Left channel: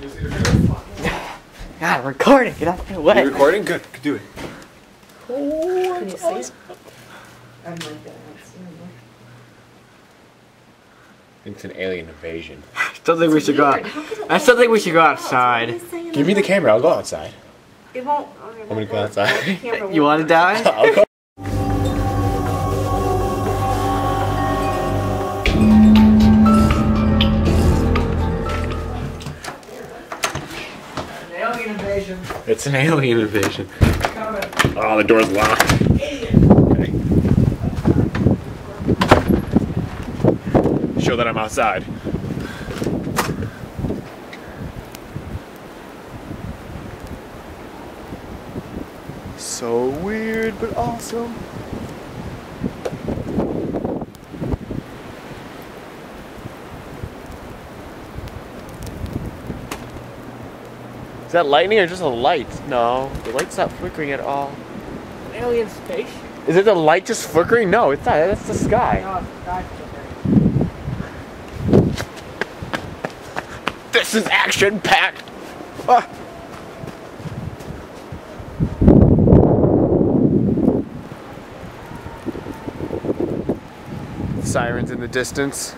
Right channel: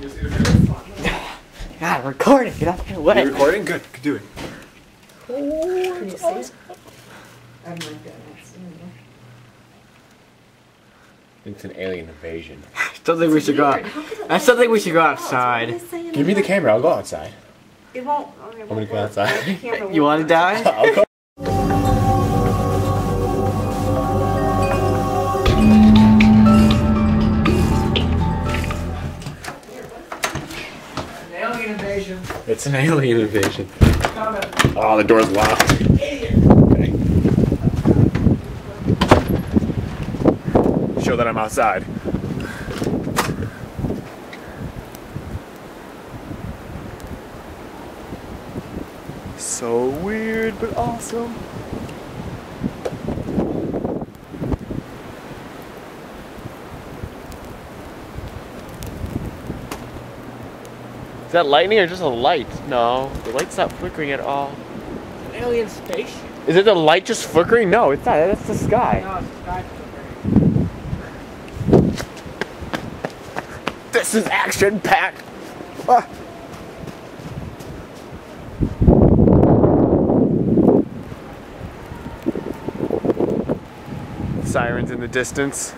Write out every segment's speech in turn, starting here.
God, I'm recording. Get out of the way. You recording? Good. Do it. Can you see it? I'm not gonna see it. I think it's an alien invasion. I still think we should go out. I still think we should go outside. Give me the camera. I'll go outside. It won't. Okay, I'm gonna go outside. You want to die? I'll go. Alien invasion. It's an alien invasion. Oh, the door's locked. Okay. Show that I'm outside. So weird, but awesome. Is that lightning or just a light? No, the light's not flickering at all. An alien spaceship. Is it the light just flickering? No, it's not. That's the sky. No, it's not flickering. This is action-packed. Ah. Sirens in the distance.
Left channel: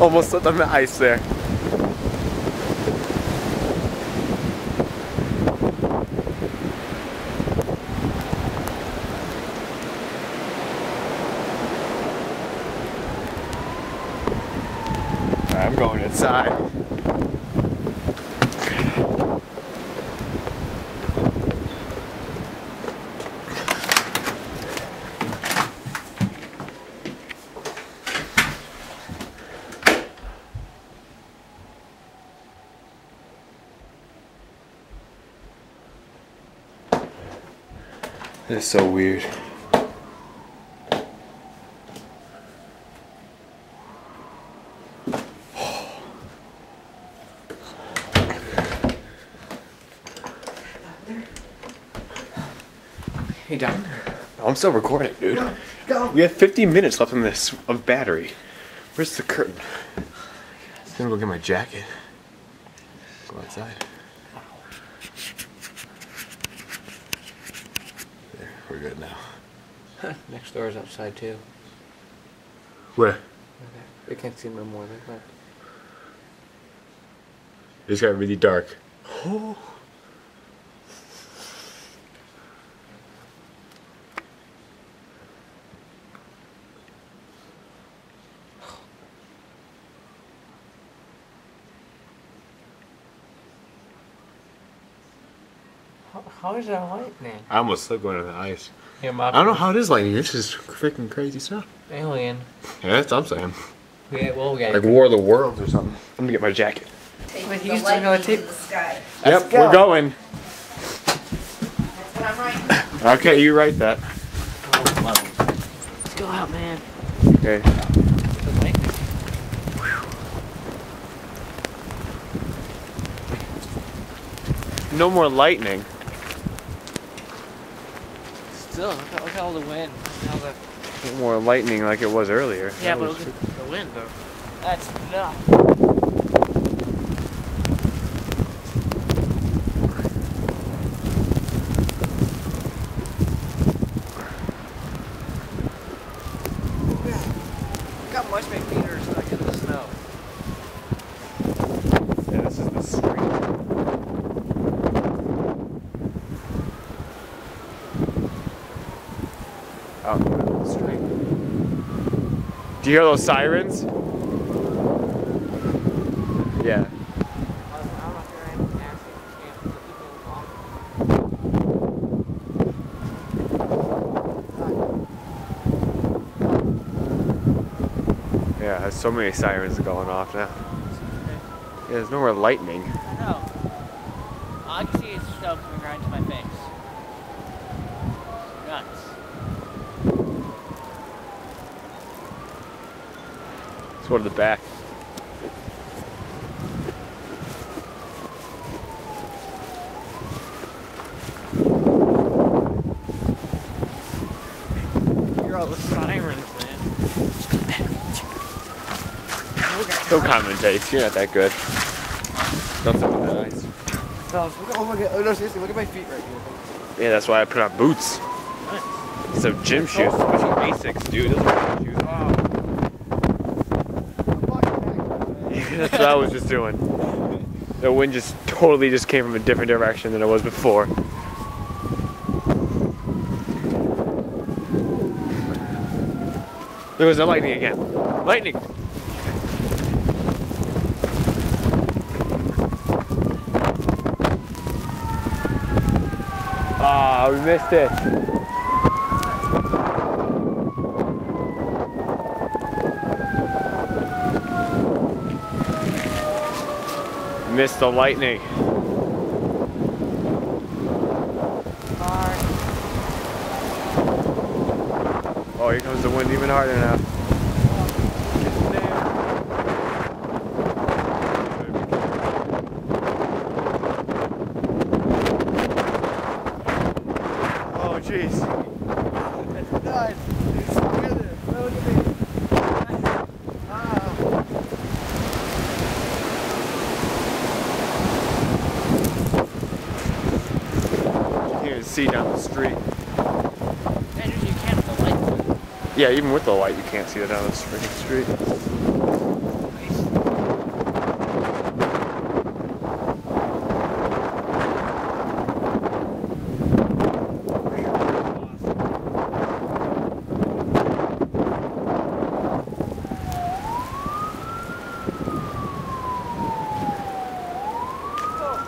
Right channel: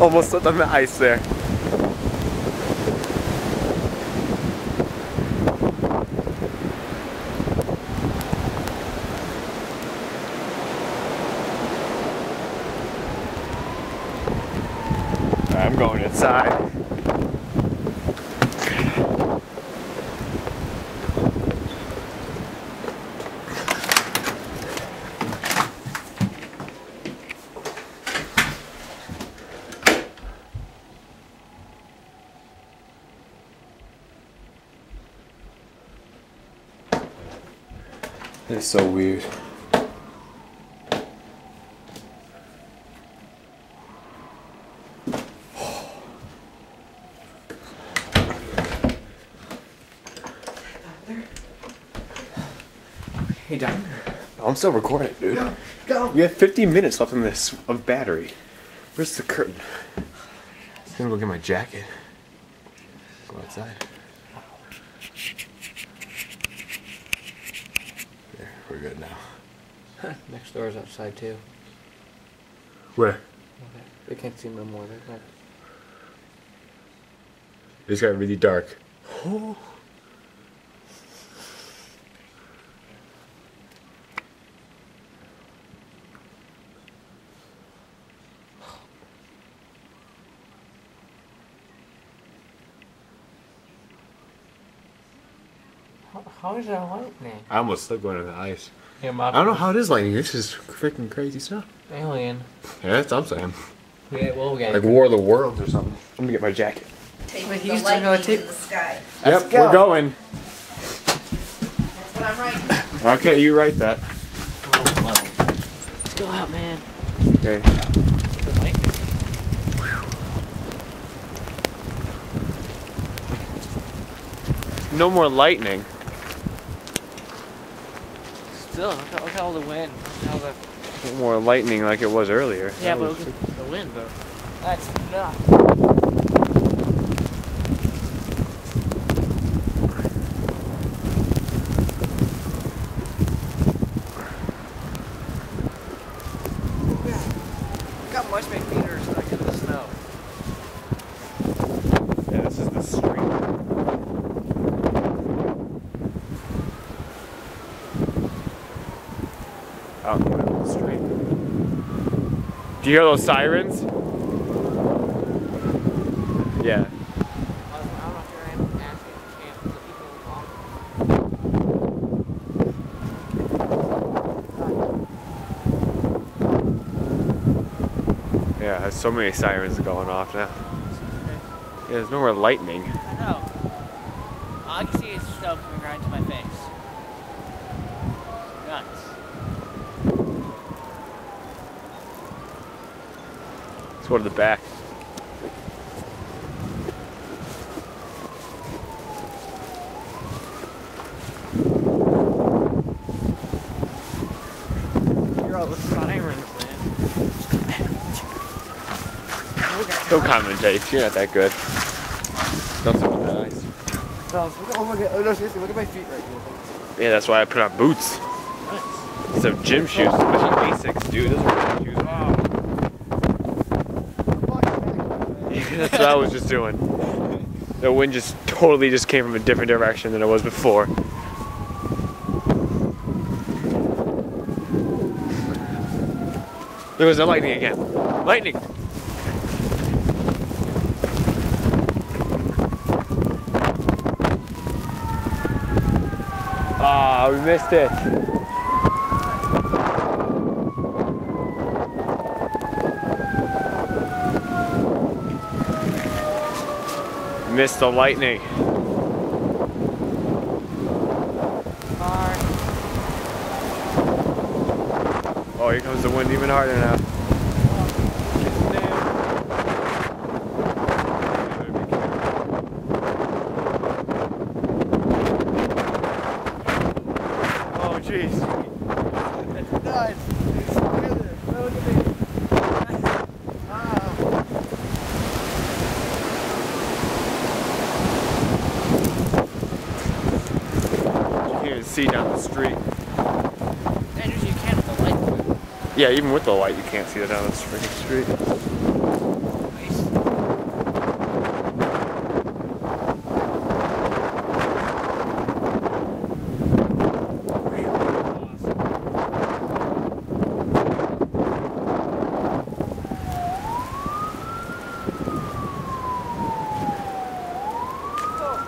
Almost slipped on the ice there. I'm going inside. This is so weird. Hey, Don. I'm still recording, dude. Go. We have 15 minutes left on this of battery. Where's the curtain? I'm gonna go get my jacket. Go outside. There, we're good now. Next door is outside too. Where? They can't see no more. They're not. It's got really dark. Oh. How is that lightning? I almost slipped going on the ice. Yeah, I don't know how it is lightning. This is freaking crazy stuff. Alien. Yeah, that's what I'm saying. Yeah, well, yeah. Like War of the Worlds or something. I'm gonna get my jacket. Take you the still gotta lightning take- in the sky. Yep, go. we're going. That's what I'm writing. Okay, you write that. Let's go out, man. Okay. The lightning. No more lightning. Still, look at all the wind. Look at all the... No more lightning like it was earlier. Yeah, That but was look at the wind, though. That's enough. Look how much my feet are stuck in the snow. Yeah, this is the street. Out in the middle of the street. Do you hear those sirens? Yeah. Yeah, there's so many sirens going off now. Yeah, there's no more lightning. I know. All I can see is snow coming right into my face. Nuts. Let's go to the back. Don't commentate. You're not that good. Don't talk about that ice. Oh my god! Oh no, seriously, look at my feet right here. Yeah, that's why I put on boots. Nice. Some gym shoes, especially Asics, dude. Those are gym shoes. Wow. That's what I was just doing. The wind just totally just came from a different direction than it was before. There was the lightning again. Lightning! Ah, we missed it. Missed the lightning. Oh, here comes the wind even harder now. Oh, jeez. That's nuts. Look at this. Look at me. You can't even see down the street. Andrews, you can't with the light. Yeah, even with the light, you can't see it down the freaking street. Nice.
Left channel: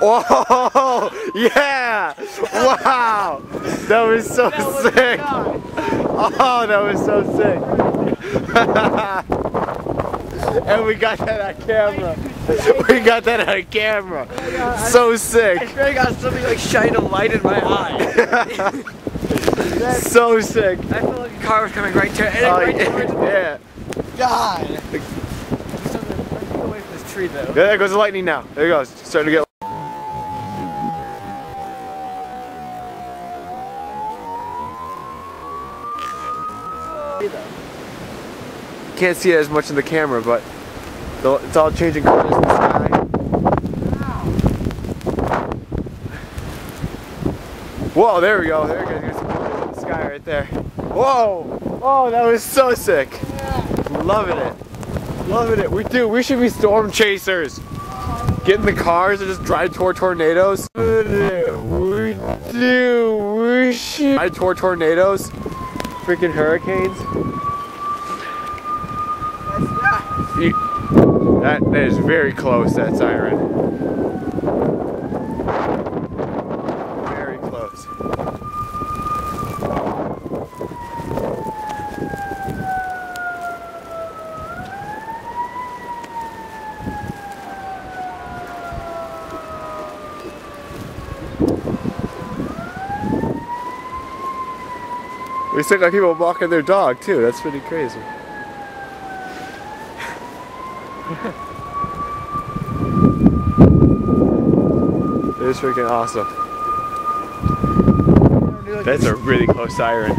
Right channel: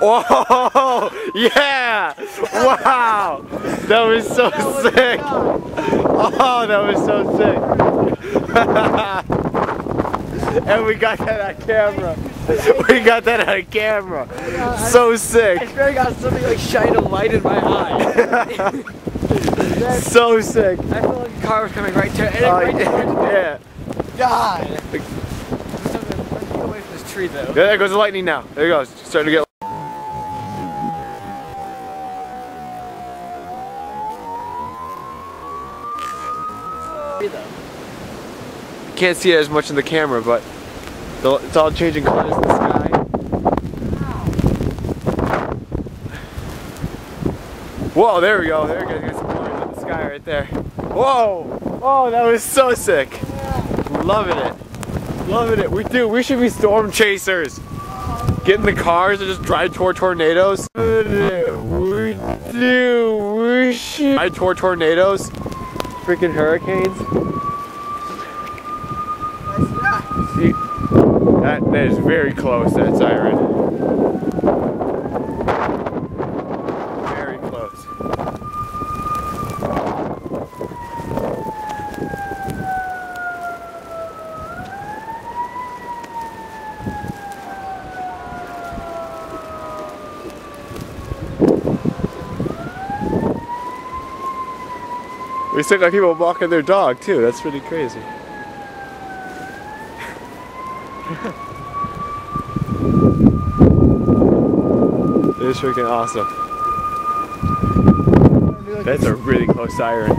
Whoa! Yeah! Wow! That was so sick! Oh, that was so sick! And we got that on camera! We got that on camera! So sick! I swear I got something like shine a light in my eye. So sick! I felt like a car was coming right to it. Oh, Right towards me. yeah. God. Let's get away from this tree though. There goes the lightning now. There it goes. Starting to get. Can't see it as much in the camera, but it's all changing colors in the sky. Whoa, there we go. There we go. Got some colors in the sky right there. Whoa! Oh, that was so sick. Loving it. Loving it. We should be storm chasers. Get in the cars and just drive toward tornadoes. We should drive toward tornadoes. Freaking hurricanes. That is very close, that siren. Very close. We still got people walking their dog too, that's pretty crazy. It's freaking awesome. That's a really close siren.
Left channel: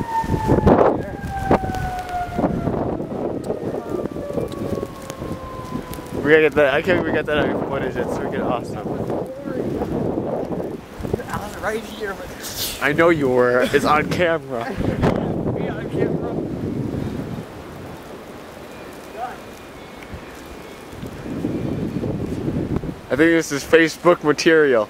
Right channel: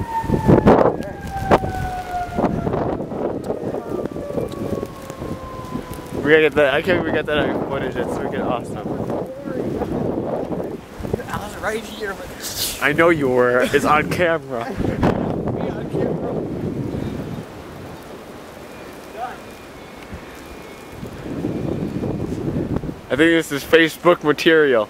We gotta get that. I can't believe we got that on footage. That's freaking awesome. I was right here, but I know you were. It's on camera. I think this is Facebook material.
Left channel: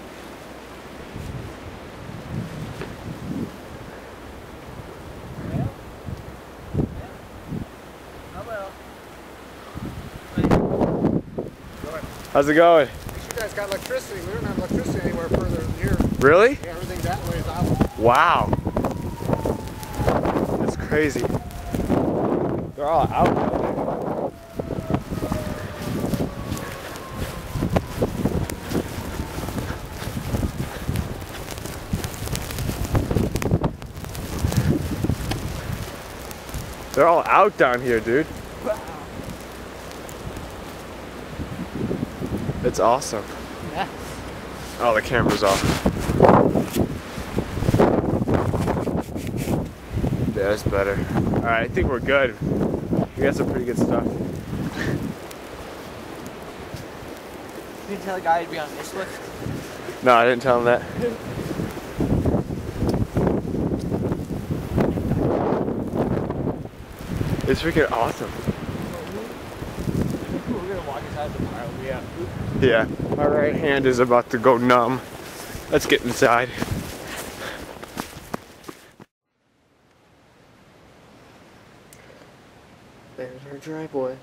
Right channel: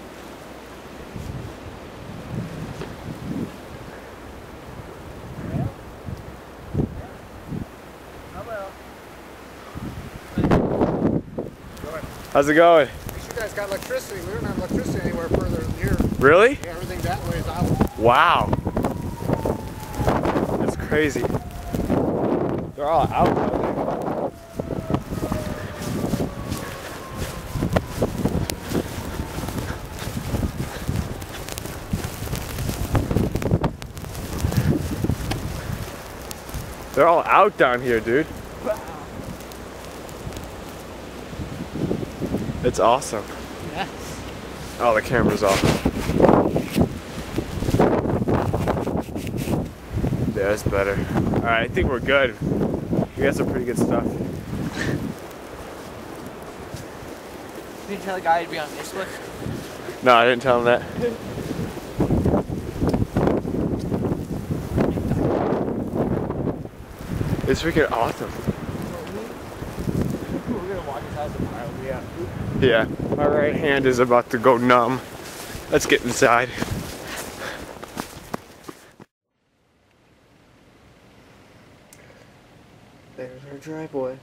How's it going? You guys got electricity. We don't have electricity anywhere further than here. Really? Yeah, everything that way is out. Wow. That's crazy. They're all out now. They're all out down here, dude. It's awesome. yeah. Oh, the camera's off. Yeah, that's better. Alright, I think we're good. We got some pretty good stuff. You didn't tell the guy to be on this list? No, I didn't tell him that. It's freaking awesome. We're gonna walk inside the pile. Yeah. Yeah, my right hand is about to go numb. Let's get inside. There's our driveway.